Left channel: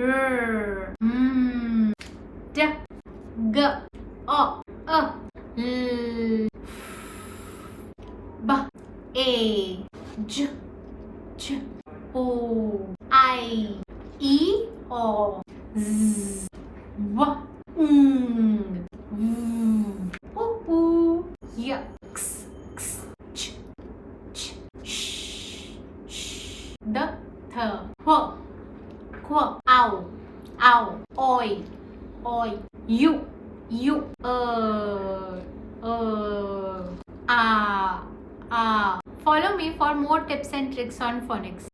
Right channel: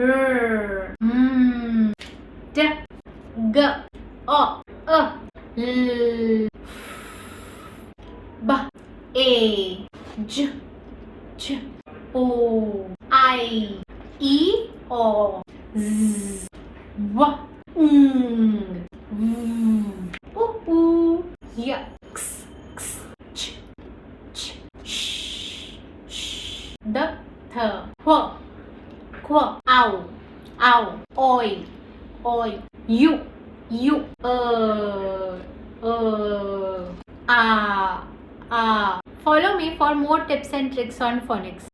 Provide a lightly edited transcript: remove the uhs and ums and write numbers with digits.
R, D, G, O, L, B, A, J, J, O, I, E, O, Z, W, V, U, Y, X, X, Ch, Ch, Sh, Sh, D, Th, H, Q, Ow, Ow, Oi, Oi, U, U, A. Follow me for more tips and tricks on phonics.